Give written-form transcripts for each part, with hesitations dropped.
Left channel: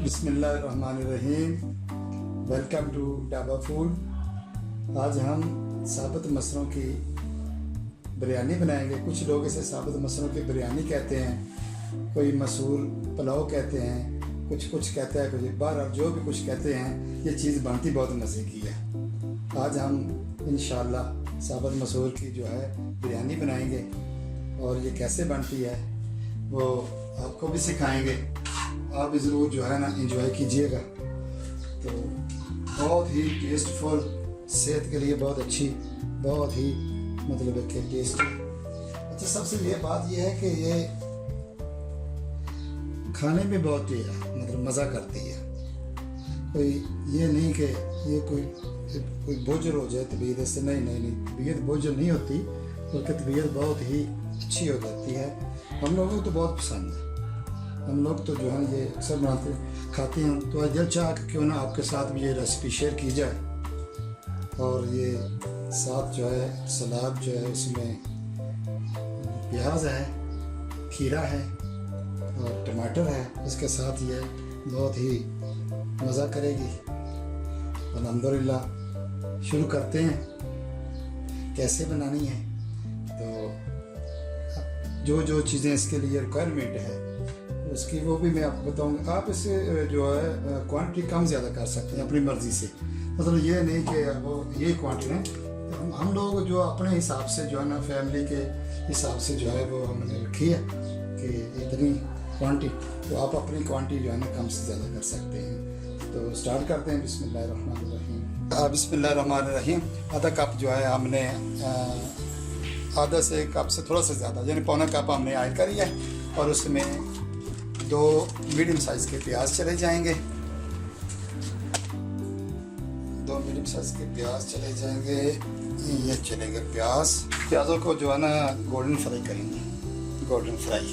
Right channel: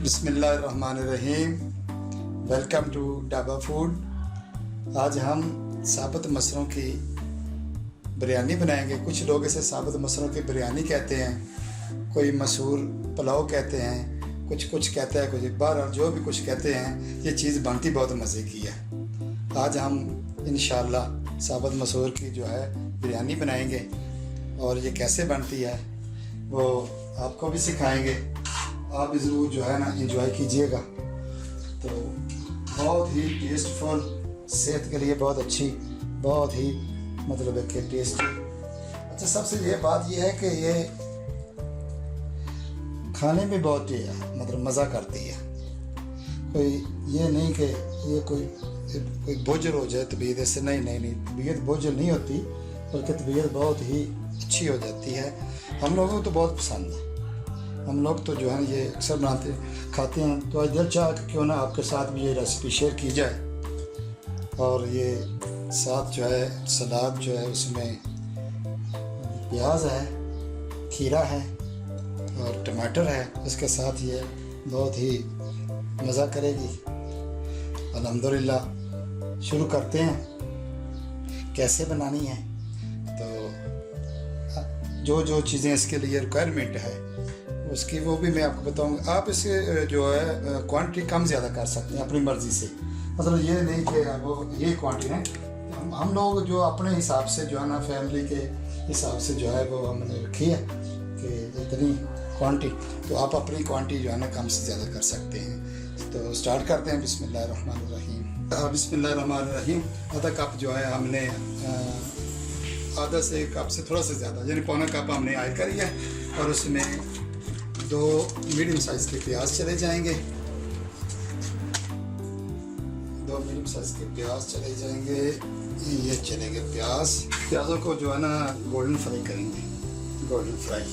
बिस्मिल्लाहिर्रहमानिर्रहीम। Welcome to Dhaba food. आज हम साबुत मसरों की बिरयानी बनाएंगे। कुछ लोग इसे साबुत मसरों की बिरयानी कहते हैं, कोई मसूर पुलाव कहते हैं, कुछ कहते हैं, कुछ बार जो भी कुछ कहते हैं। ये चीज़ बनती बहुत मज़े की है। आज हम इंशाअल्लाह साबुत मसूर की जो है बिरयानी बनाएंगे और ये कैसे बनती है वो आपको भी सिखाएंगे। आप ज़रूर जो है ना एंजॉय कीजिएगा। तो बहुत ही टेस्टफुल, सेहत के लिए बहुत अच्छी, बहुत ही मतलब है कि टेस्टी। अच्छा, सबसे ये बात ये है कि ये खाने में बहुत मतलब मज़ा करती है। कोई ये नहीं कि ये कोई बोझल हो जाए तबीयत, इससे नहीं तबीयत बोझल नहीं होती, बल्कि तबीयत बहुत ही अच्छी हो जाती है। हम लोगों को तो बहुत पसंद है। हम लोग तो जो है ये अक्सर बनाते खाते हैं। तो आज दिल चाह कि क्यों ना आपके साथ भी ये रेसिपी शेयर की जाए। और ये साथ जो है सलाद जो है उसमें प्याज है, खीरा है और टमाटर है। इसके साथ ये बहुत ही मज़ा करेगी। अल्हम्दुलिल्लाह, शुरू करते हैं कैसे बनानी है। तो जो चीज़ें इसके लिए रिक्वायरमेंट है उसकी वो भी मैं आपको बताऊंगा। आप इसे जो है क्वांटिटी कम ज़्यादा कर सकते हैं अपनी मर्ज़ी से। मतलब ये नहीं कि वो ये क्वांटिटी है। हम लोग जो अपने हिसाब से जो है ना फैमिली के हिसाब से जो है वो हमने रखी है कि इतनी क्वांटिटी। तो आप अपनी क्वांटिटी जो है ना कम से ज़्यादा कर सकते हैं। तो स्टार्ट करते हैं। बिस्मिल्लाहिर्रहमानिर्रहीम। बिस्मिल्लाहिर्रहमानिर्रहीम। आधा कप जो है हमने आधा से कप से थोड़ा सा ज़्यादा यानी पौना कप हमने ऐड करी है। और उसमें 2 मीडियम साइज़ के प्याज चले जाएंगे। 2 मीडियम साइज़ के प्याज चले जाएंगे। ये चलेंगे प्याज़ों को जो है ना गोल्डन फ्राई करेंगे। गोल्डन फ्राई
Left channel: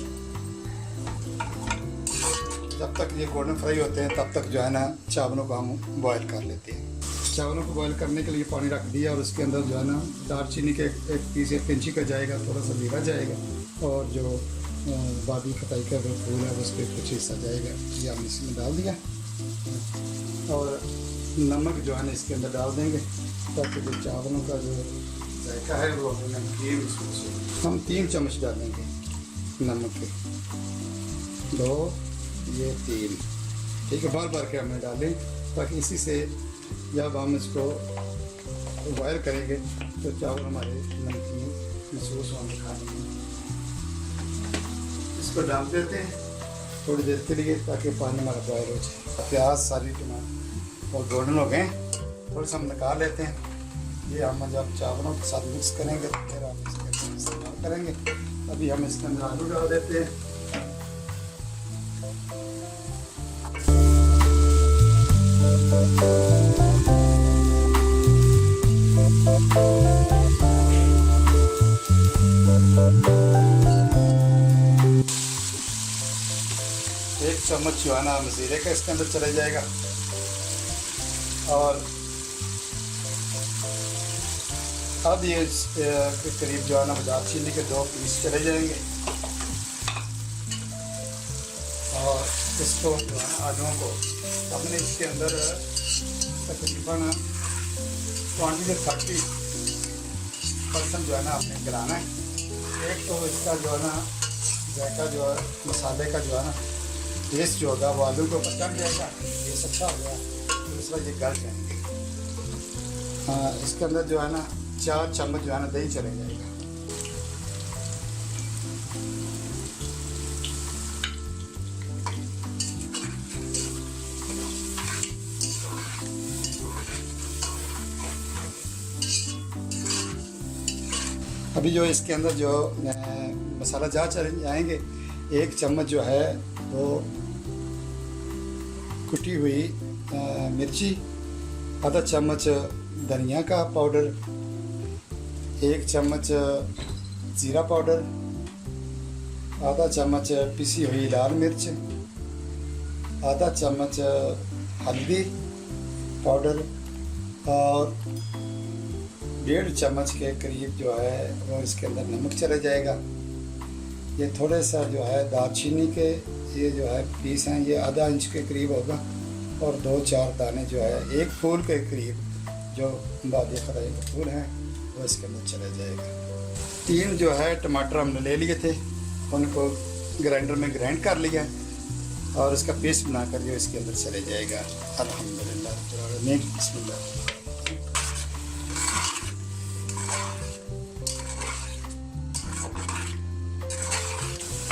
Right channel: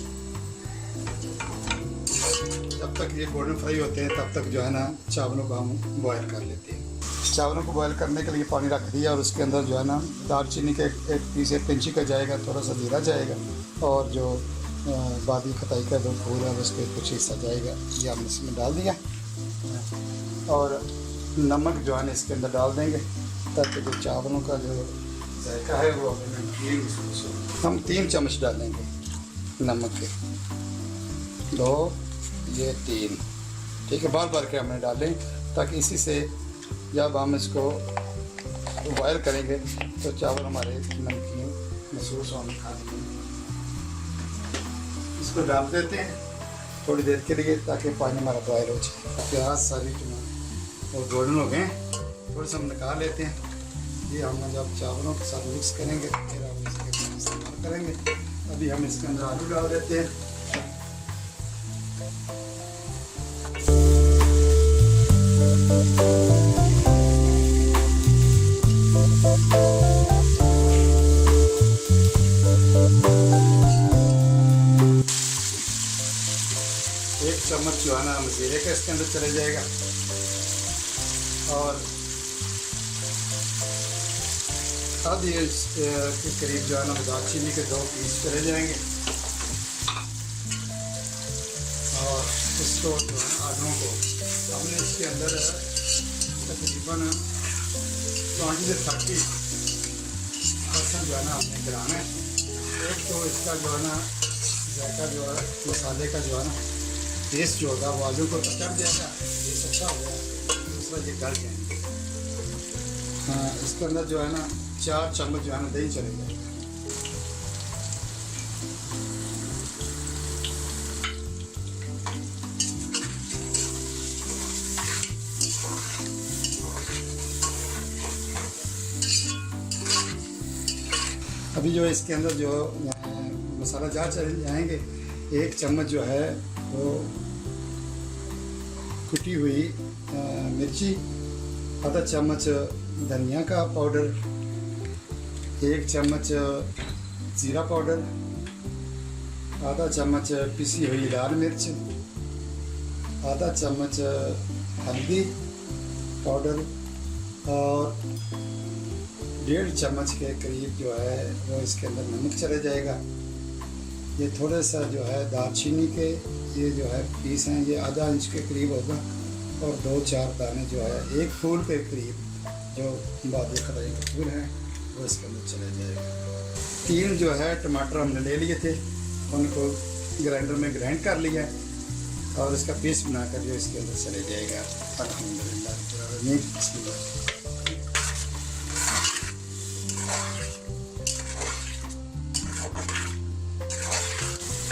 जब तक ये गोल्डन फ्राई होते हैं तब तक जो है ना चावलों को हम बॉयल कर लेते हैं। चावलों को बॉयल करने के लिए पानी रख दिया और उसके अंदर जो है ना दालचीनी का एक पीस 1 इंची का जाएगा, थोड़ा सा जीरा जाएगा और जो बादी खताई का जो फूल है उसके कुछ हिस्सा जाएगा। ये हमने इसमें डाल दिया और नमक जो है ना इसके अंदर डाल देंगे ताकि जो चावलों का जो जायका है वो नमकीन हम 3 चम्मच डालेंगे नमक के। 2 ये 3 ठीक है, बार के हमने डालें ताकि इसी से जब हम इसको बॉयल करेंगे तो चावल हमारे नमकीन महसूस होंगे खाने में। इसको डाल देते हैं थोड़ी देर के लिए ताकि पानी हमारा बॉयल हो जाए। प्याज सारी टमाटर और गोल्डन हो गए, थोड़ा सा हम निकाल लेते हैं। ये हम जब चावलों के साथ मिक्स करेंगे फिर हम इसके इस्तेमाल करेंगे। अभी हम इसके अंदर आलू डाल देते हैं। चम्मच जो है ना जीरे का इसके अंदर चले जाएगा और आधी के करीब जो है ना दालचीनी के 2 पीस चले जाएंगे। और इसको आलूओं को हमने इसके अंदर तकरीबन 20-30% जो है ना हमने गिराना है। एक तो इसका जो है ना जायका जो है मसाले का जो है ना टेस्ट जो होगा वो आलू को चढ़ जाएगा, ये अच्छा होगा। दूसरा ये गल जाएंगे। हाँ, इसके अंदर जो है ना 4 चम्मच जो है ना दही चले जाएगा। अभी जो इसके अंदर जो मसाला जार चले जाएंगे, 1 चम्मच जो है वो कुटी हुई मिर्ची, आधा चम्मच धनिया का पाउडर, 1 चम्मच ज़ीरा पाउडर, आधा चम्मच पिसी हुई लाल मिर्च, आधा चम्मच हल्दी पाउडर और 1.5 चम्मच के करीब जो है वो इसके अंदर नमक चला जाएगा। ये थोड़े सा जो है दालचीनी के ये जो है पीस हैं, ये आधा इंच के करीब होगा, और 2-4 दाने जो है एक फूल के करीब जो बादी खदाई के फूल हैं वो इसके अंदर चले जाएगा। 3 जो है टमाटर हमने ले लिए थे, उनको ग्राइंडर में ग्राइंड कर लिया और इसका पीस बनाकर जो इसके अंदर चले जाएगा। अल्हम्दुलिल्लाह।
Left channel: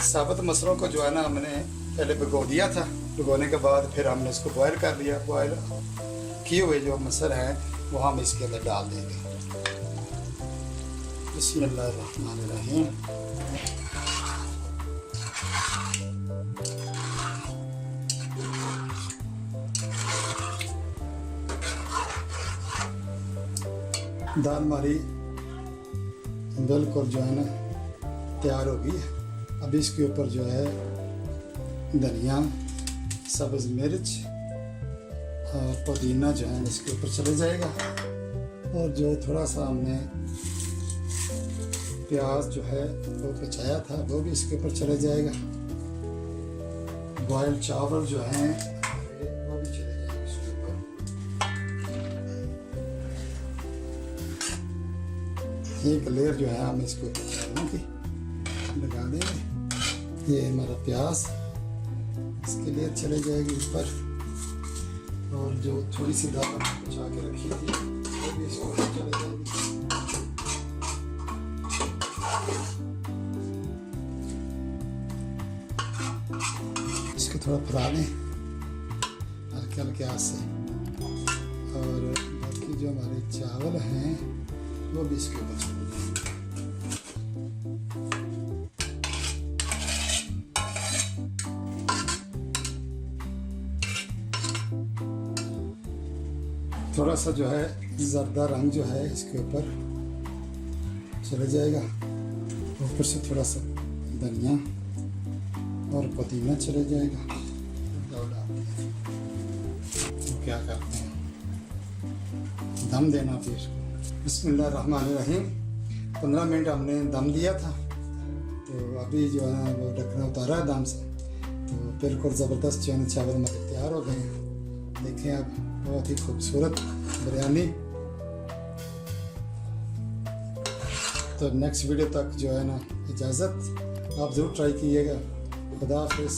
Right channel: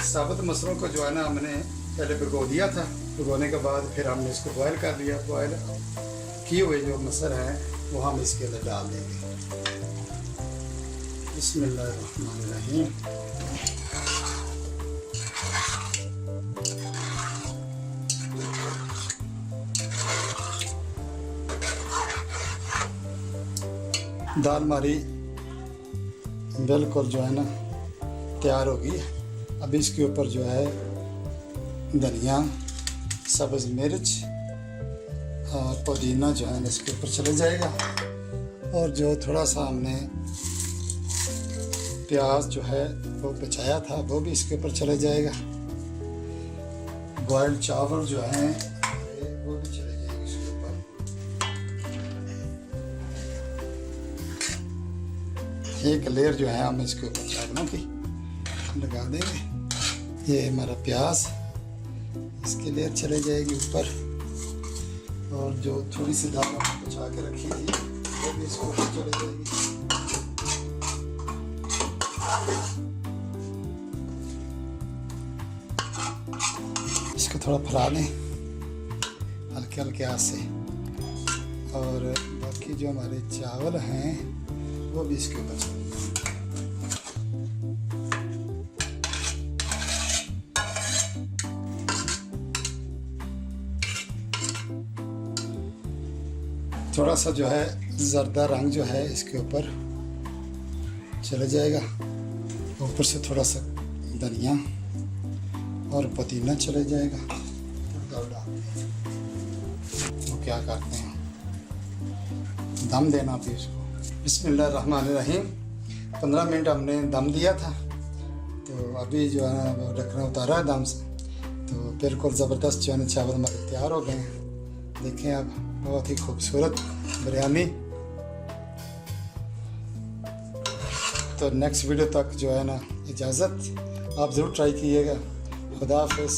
साबुत मसलों को जो है ना हमने पहले भिगो दिया था, भिगोने के बाद फिर हमने इसको बॉयल कर लिया। बॉयल किए हुए जो मसल हैं वो हम इसके अंदर डाल देंगे। बिस्मिल्लाहिर्रहमानिर्रहीम। दाल हमारी बिल्कुल जो है ना तैयार हो गई है। अब इसके ऊपर जो है धनिया, सब्ज़ मिर्च और पुदीना जो है इसके ऊपर चले जाएगा, और जो थोड़ा सा हमने प्याज जो है वो बचाया था वो भी इसके ऊपर चले जाएगा। बॉइल्ड चावल जो हैं वो भी चले जाएंगे इसके ऊपर। एक लेयर जो है हम इसके ऊपर चावलों की लगा देंगे। ये हमारा प्याज इसके लेयर चले जाएगी ऊपर, और जो थोड़ी सी दाल बचा के रखी थी वो भी इसको ऊपर चले जाएगी। इसको थोड़ा फैला दें हल्के हल्के हाथ से, और बाकी जो हमारे चावल हैं वो भी इसके ऊपर चले जाएंगे। थोड़ा सा जो है ज़र्दा रंग जो है इसके ऊपर चले जाएगा। ऊपर से थोड़ा सा धनिया और पुदीना चले जाएगा। तो क्या करते हैं, दम देना फिर इसको। बिस्मिल्लाहिर्रहमानिर्रहीम। 15 मिनट हमने दम दिया था, तो अभी जो है ना वो ढक्कन उतारा है दम से, तो बिल्कुल ज़बरदस्त जो है ना चावल हमारे तैयार हो गए हैं। देखें आप, बहुत ही खूबसूरत बिरयानी। तो नेक्स्ट वीडियो तक जो है ना इजाज़त, आप ज़रूर ट्राई कीजिएगा। खुदा हाफ़िज़।